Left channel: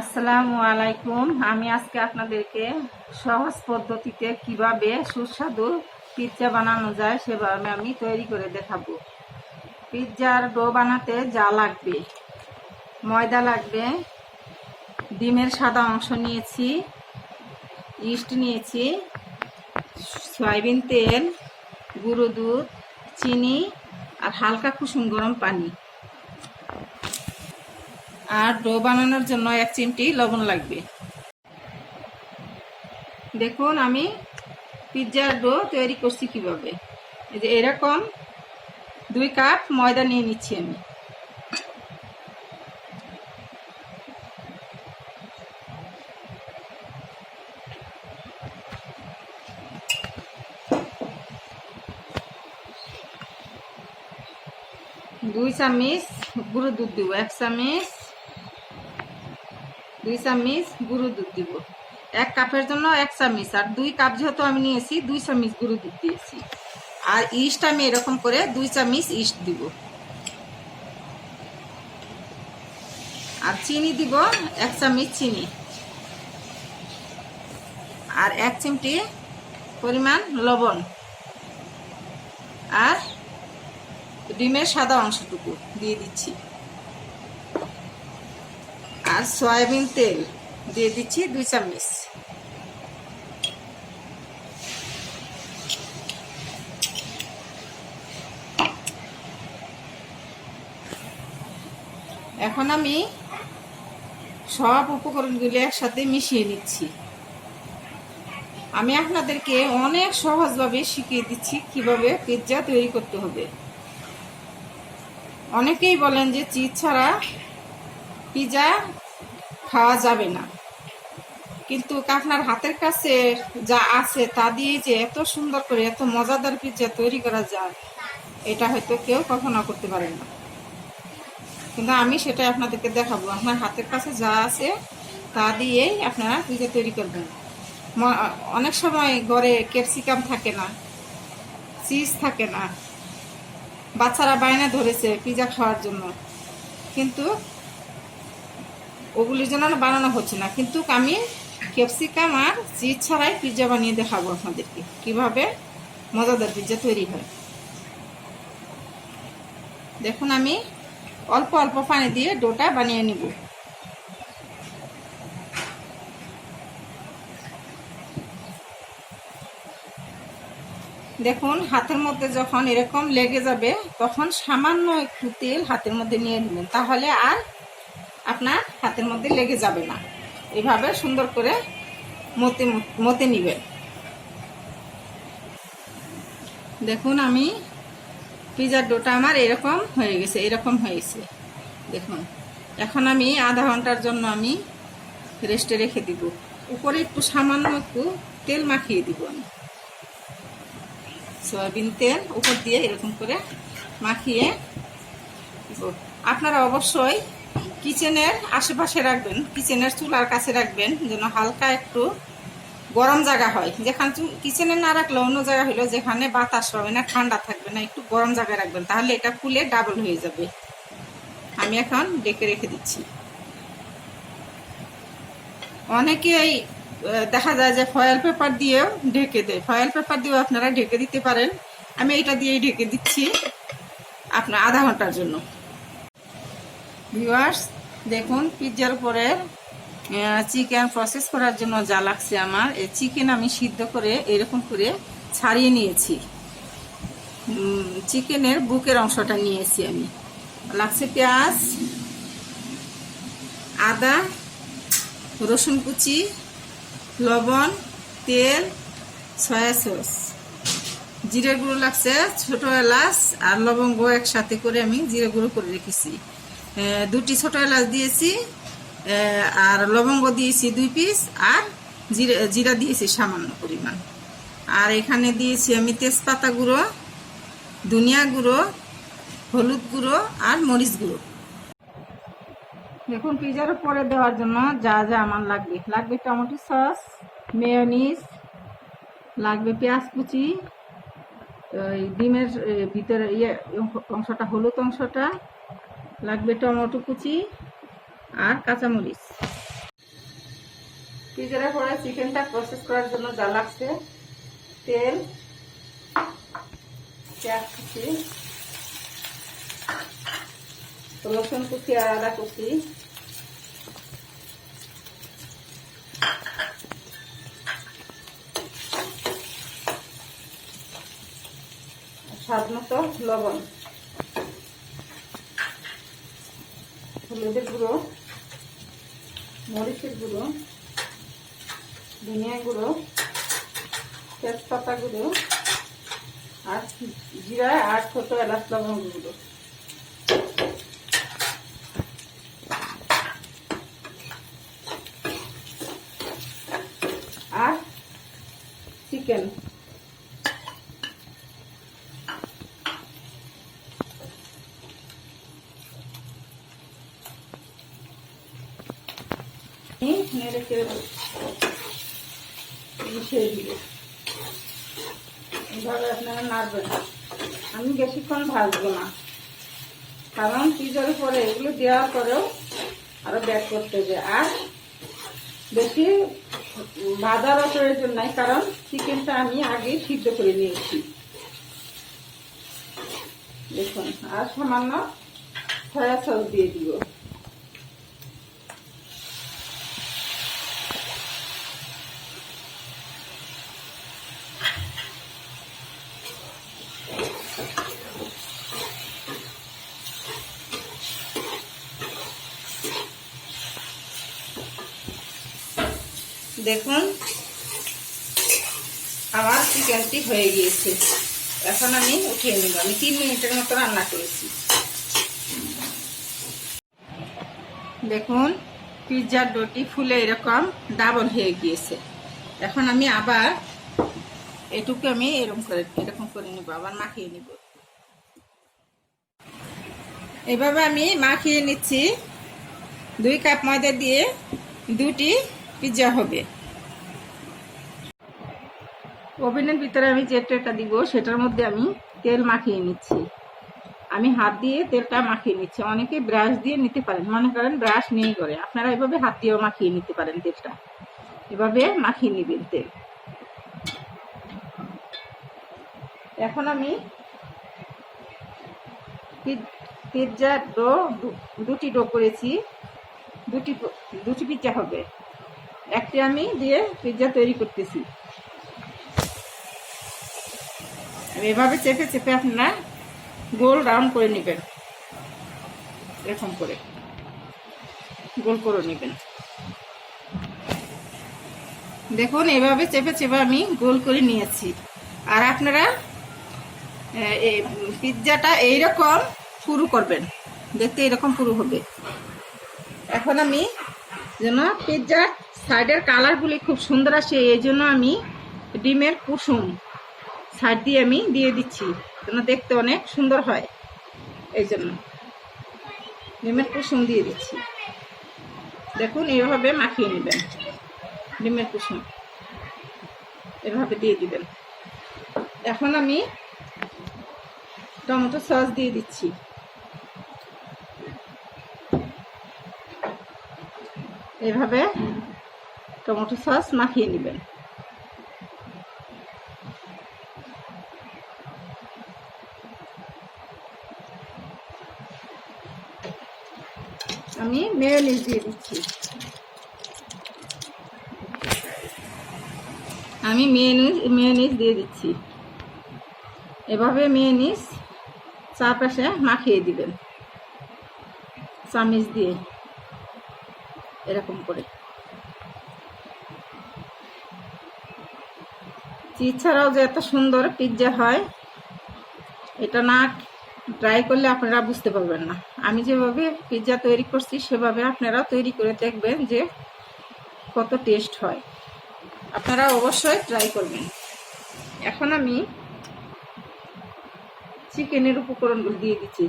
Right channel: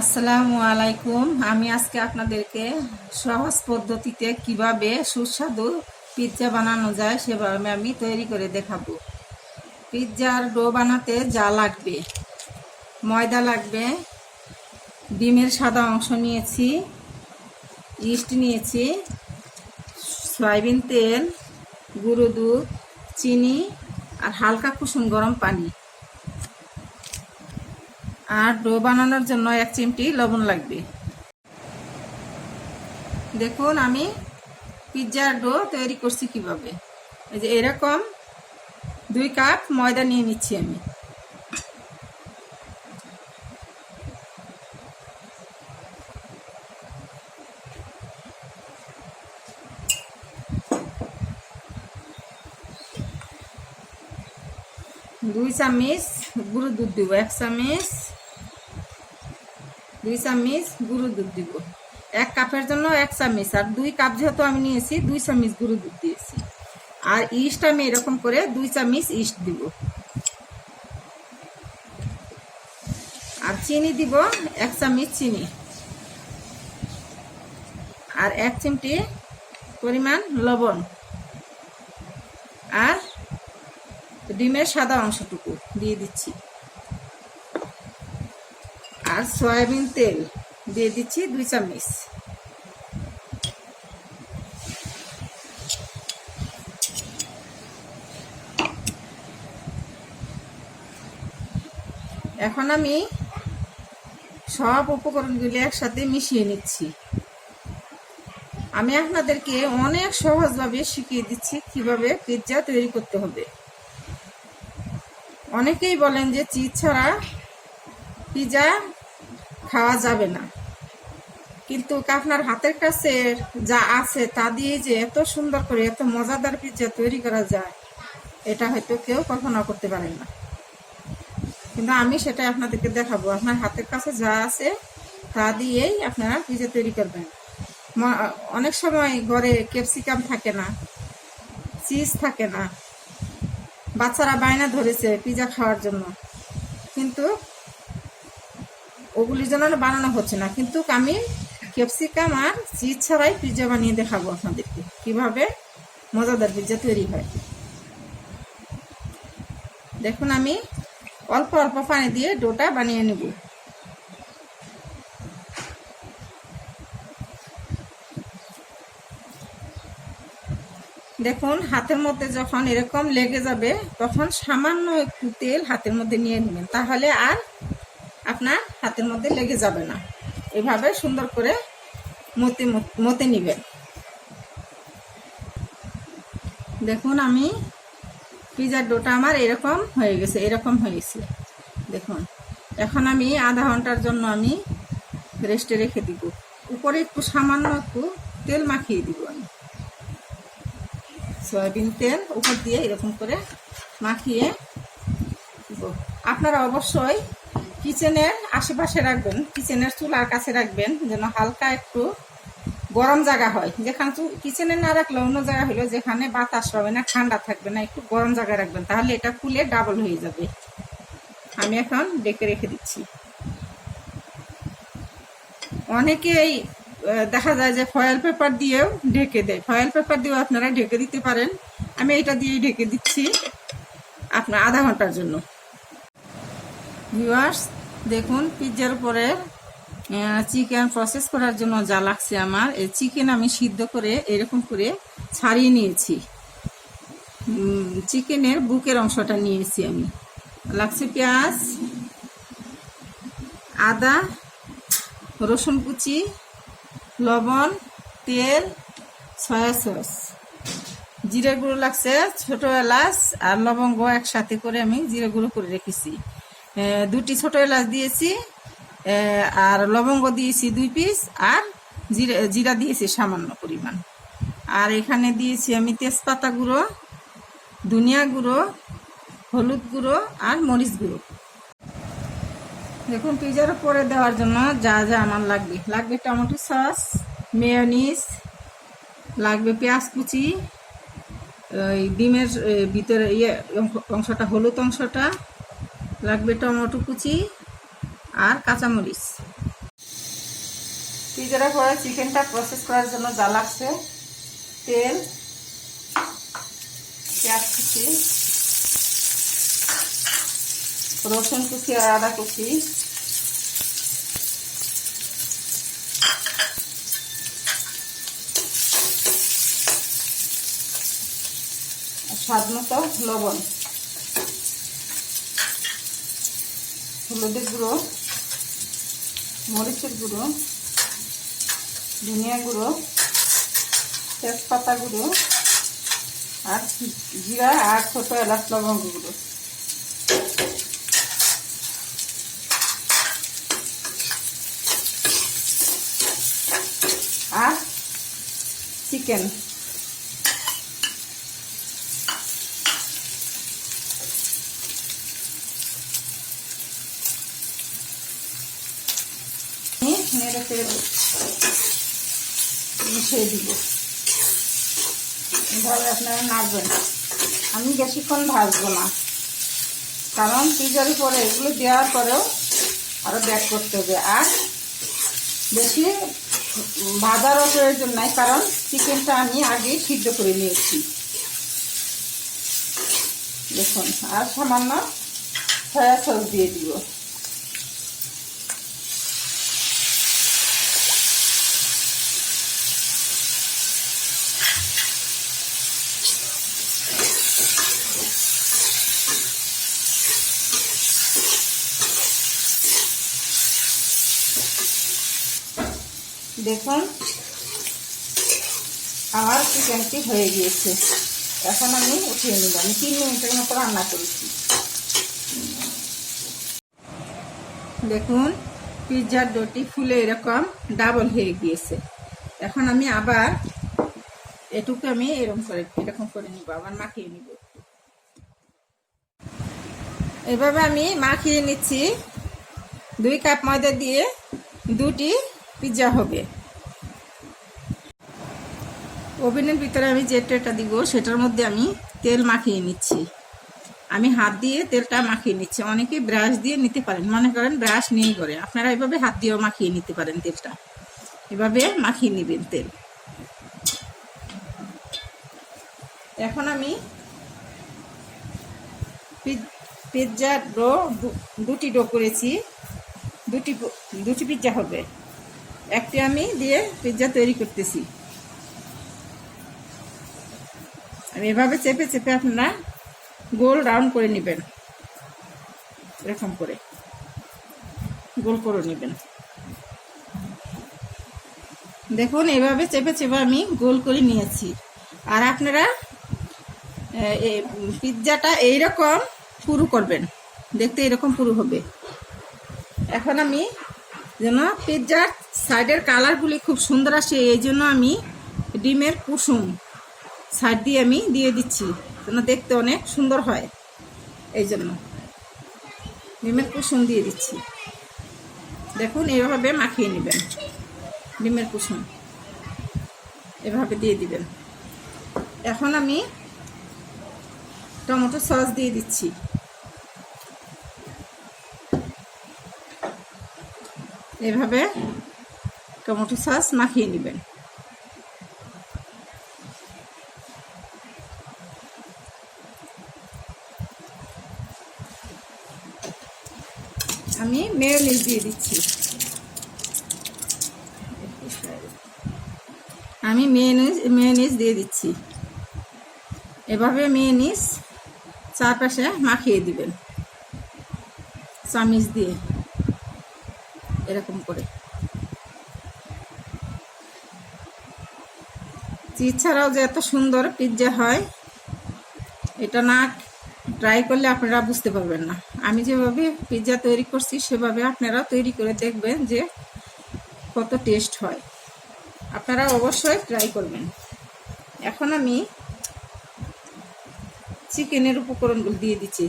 আসসালামু আলাইকুম। আমি আজকে আপনাদেরকে সহজ পদ্ধতিতে কিভাবে সুস্বাদু পিৎজা বানানো যায় সেভাবে আমি তৈরি করে দেখাবো। পিৎজার ডো বানাতে যা লাগবে: ময়দা লাগবে, ডিমের সাদা অংশ নিয়েছি, ইস্ট নিয়েছি, সয়াবিন তেল, গুঁড়ো দুধ, চিনি আর হালকা কুসুম গরম পানি। আর ডো বানানোর জন্য 1 চিমটি লবণ লাগবে। দেখুন আমি পিৎজার ডো তৈরি করছি কিভাবে। এই যে এরকম 2 কাপ ময়দা নিয়ে নিচ্ছি আমি। দুই চামচ গুঁড়ো দুধ দিব, 1 চামচ, 2 চামচ গুঁড়ো দুধ দিব। 1 কাপের জন্য 1 চামচ, আর 2 কাপ যেহেতু আমি নিয়েছি 2 চামচ গুঁড়ো দুধ দিয়েছি। আর ইস্ট আমি এরকম করে 2 চামচ ইস্ট দিব। আর চিনি দিব 1 চামচ চিনি, আর 1 চিমটি পরিমাণ লবণ, আর ডিমের সাদা অংশটুকু দিয়ে দিচ্ছি, আর সয়াবিন তেল দিয়ে দিচ্ছি 2 চামচ। এখন আমি সব উপকরণগুলি একসাথে মিশিয়ে নিচ্ছি। আমি আপনাদেরকে অনেক সহজভাবে শিখিয়ে দিচ্ছি কিভাবে পিৎজা তৈরি করতে হবে। অনেকেই বলেন যে চিজ ছাড়া পিৎজা খাওয়া যাবে না, কিন্তু আপনার হাতের কাছে যা আছে তা দিয়ে যে এত সুন্দর করে এত মজাদার পিৎজা তৈরি করা যায়, এটা হয়তো কেউ কখনো করতে পারেন না। কিন্তু আমি সেটা আপনাদেরকে দেখাবো। আপনার হাতের কাছে যা আছে তা দিয়েই আপনারা পিৎজা তৈরি করবেন। অনেক সময় ঘরে ক্যাপসিকাম থাকে না, চিজ থাকে না, বাচ্চারা বায়না ধরেছে পিৎজা খাওয়ার জন্য, কিন্তু ওগুলির জন্য বানানো হচ্ছে না। কিন্তু আমি ক্যাপসিকাম আর চিজ ছাড়াই পিৎজা বানিয়ে দেখাবো আপনাদেরকে কিভাবে মজাদার পিৎজা তৈরি হয়। দেখুন আমি অল্প অল্প পানি দিয়ে ডোটা বানিয়ে নেব। দেখুন হাতের মধ্যে যখন এরকম লেগে যাবে তখন সামান্য একটু তেল হাতের মধ্যে নিয়ে নেবেন, তাহলে আর আপনার হাতের মধ্যে লেগে যাবে না। এইভাবে সুন্দর করে মতে নেবেন। দেখুন আমি পিৎজার ডোটা আমার এরকম হয়ে গেছে, এরকম হয়েছে দেখুন। এখন আমি আধা ঘন্টার জন্য আমি রেস্টে রেখে দিব। উপরে একটু সামান্য একটু তেল মাখিয়ে দিব আমি, সয়াবিন তেল উপর দিয়ে এরকম করে মাখিয়ে দিব। আপনারা অবশ্যই কিচেনের আশেপাশে রাখবেন, কিচেনের চুলার কাছে রাখবেন, যেন হালকা একটু গরম জায়গা হয়। যেখানে কিচেনে না রাখলে অন্য জায়গা হলো যেখানে বাতাস হবে না, ঠান্ডা থাকবে না, একটু গরম জায়গায় রাখবেন, তাহলে এটা ফুলে ডাবল হয়ে যাবে। আমি এখন ডেকে রেখে দিচ্ছি। অনেকেই দেখা যায় যে ফয়েল পেপার দিয়েও ঢেকে দেয়, ফয়েল পেপার দিয়েও আপনারা ঢেকে দিতে পারেন। আমি এটা দিয়েই ঢেকে দিচ্ছি আপনার আধা ঘন্টার জন্য। ভিউয়ার্স দেখুন পিৎজার উপরে চিকেন প্রসেস করার জন্য যা লাগছে, আমার এই চিকেন আমি সিদ্ধ করে এরকম করে ছাড়িয়ে নিয়েছি। চিকেনের বুকের অংশটা নিয়েছি আমি। লাগছে পেঁয়াজ, আদা, রসুন কুচি, লবণ, তেল, সয়া সস, জিরা গুঁড়ো লাগছে, ছোট এলাচ আর লবঙ্গ একসাথে করে আমি জিরা গুঁড়ো করে রেখেছি। 2টি ছোট এলাচ দিয়েছি, আর লবঙ্গ দিয়েছি 2 পিস, আর জিরা দিয়েছি সামান্য পরিমাণ। আর এখানে দিয়েছি আমি তেজপাতা গুঁড়ো, ধনিয়া গুঁড়ো, হলুদ গুঁড়ো আর মরিচ গুঁড়ো। দেখুন পিৎজার উপরে দেওয়ার জন্য যা যা আমার লাগবে টমেটো সস, মেয়োনিজ, লাগবে পেঁয়াজ কুচি, ডিমের ভিতরে অংশটা হলুদ অংশটা, লাগবে টমেটো কুচি আর কাঁচামরিচ। পিজার পরে চিকেনটা প্রসেস করার জন্য যা লাগছে তেল, পেঁয়াজ কুচি, রসুন কুচি আর আদা কুচি, স্বাদ মতো লবণ, হলুদের গুঁড়ো, মরিচের গুঁড়ো, ধনিয়া গুঁড়ো, তেজপাতা গুঁড়ো আর জিরা আর ছোট এলাচ লবঙ্গ গুঁড়ো। আর চিকেন, মিশিয়ে দিব। এভাবে আপনারা নাড়বেন। আমি বেশিক্ষণ ভাজবো না, কারণ পিজার পরে এগুলো দেওয়ার পরেও আরো ব্যাক করতে হবে। আর বেশি ভাজারও প্রয়োজন নাই, কারণ চিকেনটা আমি আগেই সিদ্ধ করে নিয়েছি। দেখুন, আর সামান্য সয়া সস দিয়ে দিব। দেখুন, আমার চিকেনটি হয়ে গিয়েছে। এখন আমি উঠিয়ে নিব। আমি 3 মিনিটের মতো রান্না করেছি। দেখুন, পিৎজার ডোটি ফুলে এরকম ডাবল হয়ে গিয়েছে। এখন আমি আবার এটুকু আমি এরকম করে নিব, আবার মাখিয়ে নিব। এভাবে আমি মাখিয়ে নিচ্ছি। 2 কাপ ময়দা দিয়ে 2টি পিৎজা হবে। ওভেনের ভিতরে আমি যে ট্রেটা দিব সেটার মধ্যে আমি তেল মাখিয়ে নিচ্ছি। আমি হাত দিয়ে তেলটা মাখিয়ে নিচ্ছি। অনেকে ব্রাশ দিয়ে নিতে পারেন, মনে করেন ব্রাশ নেই করে, আপনারা এভাবে হাত দিয়েও মাখিয়ে নিতে পারেন। তেলটা এভাবে মাখিয়ে নেবেন তেল। এখন আমি পিৎজার ডো 2টি ডো করেছি। 2টি পিৎজা হবে। একটি আমি দিয়ে পিৎজা তৈরি করতেছি। আমি এভাবে চেপে চেপে আপনারা গোল রাউন্ড করে নেবেন। এরকম করে গোল করে নেবেন। দেখুন, এভাবে চেপে চেপে আমি গোল করে নিয়েছি। আর আপনারা পিৎজাটা এইরকম পুরু করবেন, দেখতে এরকম পুরু হবে। এখন আমি যেন পিৎজার সাইডের কালারগুলি খুব সুন্দর আসে, এই জন্য আমি ডিমের কুসুম সাইড দিয়ে আমি দিয়ে দিচ্ছি, যেন দেখতে অনেক সুন্দর হয়। এই জন্য ডিমের কুসুম দিয়ে দিচ্ছি। দেখুন, এইভাবে মাখিয়ে নেবেন। ডিমের কুসুম এভাবে দিয়ে দিবেন। এখন আমি টমেটো সস দিয়ে দিচ্ছি। এভাবে টমেটো সস মাখিয়ে নেবেন। আমি মেয়োনিজ দিয়ে দিচ্ছি। আমি মেয়োনিজ দিয়ে দিচ্ছি। এভাবে মেয়োনিজ চারপাশে মাখিয়ে দিবেন চামিচ দিয়ে, এরকম করে। চিজ ছাড়াও যে এত সুন্দর পিৎজা হয়, এটা না ট্রাই করলে আপনারা বুঝতে পারবেন না। আমি যেভাবে পিৎজা তৈরি করছি সেভাবে আপনারা তৈরি করে দেখবেন যে কত টেস্ট হয়। আপনারা অবশ্যই ট্রাই করবেন। এখন আমি চিকেনের উপকরণগুলো দিয়ে দিচ্ছি।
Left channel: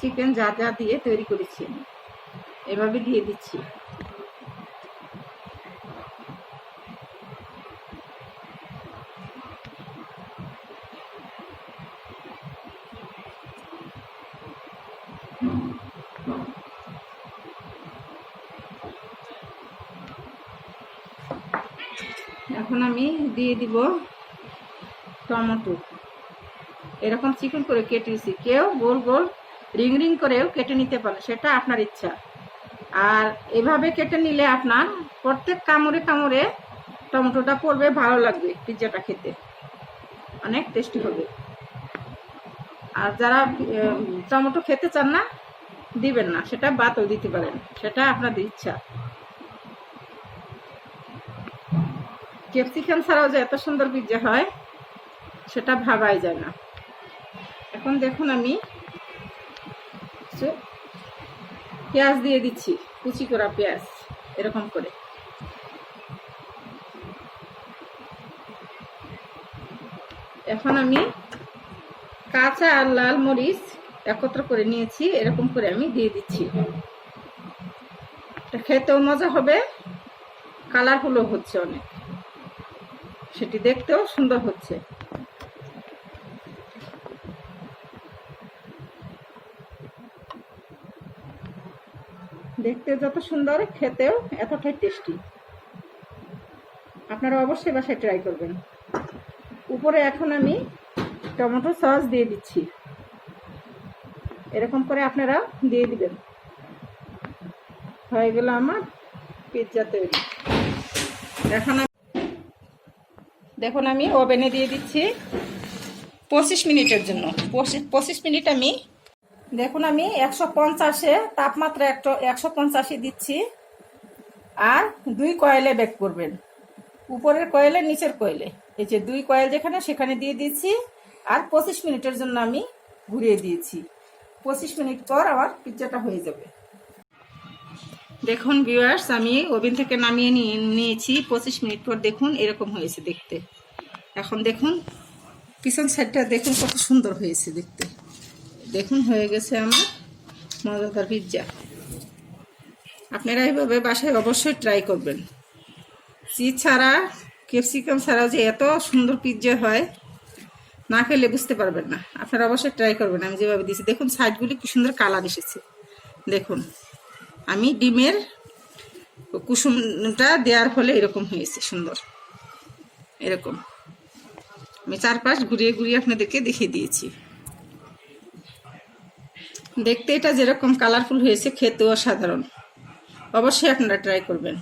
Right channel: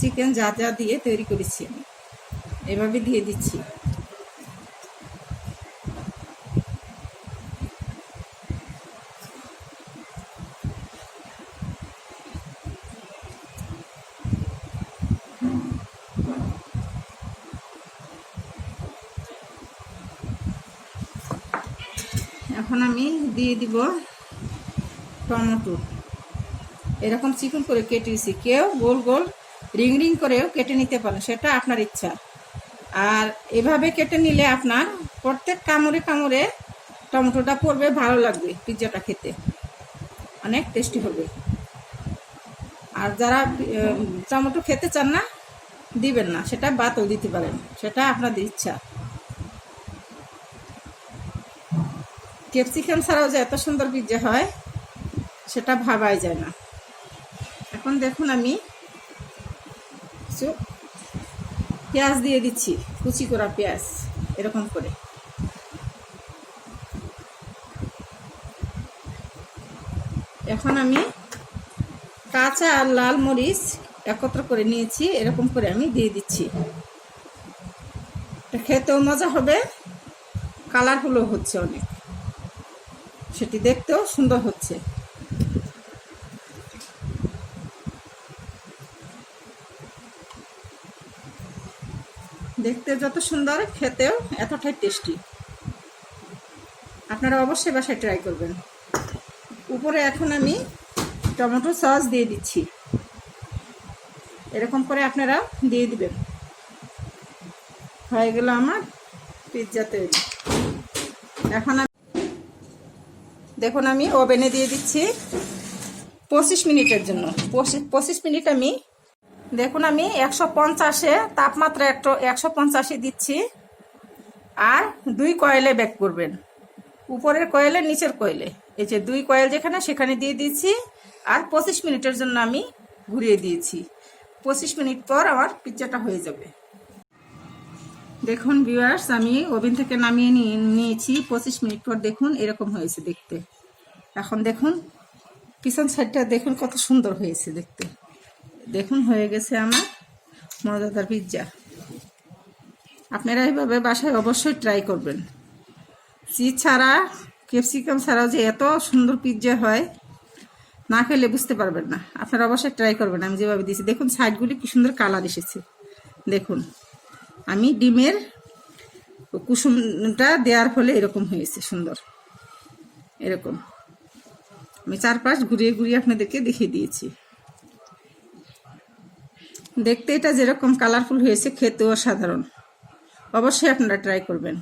চিকেন যা যা দিয়ে তৈরি করেছি এভাবে দিয়ে দিচ্ছি। এখন আমি দিয়ে দিব টমেটো। এরকম চিকন করে কেটেছি, কেউ গোল গোল রিং রিং করেও কেটে নিতে পারে, সেটা আপনার ইচ্ছা। আর এভাবে কেটে নিলে আপনার প্রত্যেক কামড়ে কামড়ে টমেটোটা পড়বে, ভালো লাগবে, পিৎজাটা খেতে অনেক টেস্টি হবে। আর যারা টমেটো খেতে চান না, দিবেন না, সেটা বাদও দিতে পারেন, সেটা আপনাদের ইচ্ছা। ক্যাপসিকাম ছাড়াও যে এত সুন্দর পিৎজা হয় সেটা ভাবাই যায় না। এখন দেখুন আমি কিছু পেঁয়াজ দিয়ে দিচ্ছি, কুচি করা পেঁয়াজ এরকম করে। এখন আমি কাঁচা আর লাল মরিচ একত্র করে নিয়েছি, এরকম করে আমি দিয়ে দিচ্ছি। খেতেও মজা হবে, কালারফুলও হচ্ছে অনেক, সেটি দেখতেও সুন্দর হচ্ছে। দেখতে যত সুন্দর, খেতেও এতটাই টেস্টি। আপনারা অবশ্যই বাসায় ট্রাই করবেন। উপরে এখন আমি টমেটো সস দিয়ে দিচ্ছি, এরকম করে আপনারা দিয়ে দিবেন। হয়ে গেল আমার পিৎজা তৈরি। এখন দেখুন আমি ওভেনে দিয়ে দিচ্ছি 25 মিনিটের জন্য। 25 মিনিট আমি দেখুন আমি 150-এ তাপমাত্রা 150 দিচ্ছি। আর 2 কয়েলে বেক করবেন, উপরের কয়েলে নিচের কয়েলে, এই যে 2 কয়েল যেখানে সেখানে দিয়ে দিয়েছি। আর 25 মিনিটের জন্য আমি ঘুরিয়ে দিয়েছি। 25 মিনিট পর আমার পিৎজাটা হয়ে যাবে। দেখুন ভিউয়ার্স, আমি ওভেন থেকে নামিয়ে নিয়েছি 25 মিনিট পর। দেখুন এরকম হয়েছে দেখতে। এখন দেখুন পিছন সাইডটা দেখুন কত সুন্দর হয়েছে দেখতে। দেখুন হয়ে গেছে আমার মজাদার পিৎজা। আপনারা এইভাবে বাসায় অবশ্যই ট্রাই করবেন। চিজ ছাড়া, ক্যাপসিকাম ছাড়া যে এত সুন্দর পিৎজা হয়, না খেলে বুঝতে পারবেন না। আপনারা অবশ্যই ট্রাই করবেন। আমি যেভাবে দিয়েছি দেখুন, সাইডগুলি কি সুন্দর কালার এসেছে। দেখুন আমি ডিমের কুসুমটা দেওয়ার ফলে এরকম হয়েছে সুন্দর। এরকম আমি চারপাশ ঘুরিয়ে ঘুরিয়ে আপনাদেরকে দেখিয়ে দিয়েছি। দেখতে এটা যেরকম কালারফুল হয়েছে, খেতেও অসাধারণ। অবশ্যই আপনারা ট্রাই করবেন।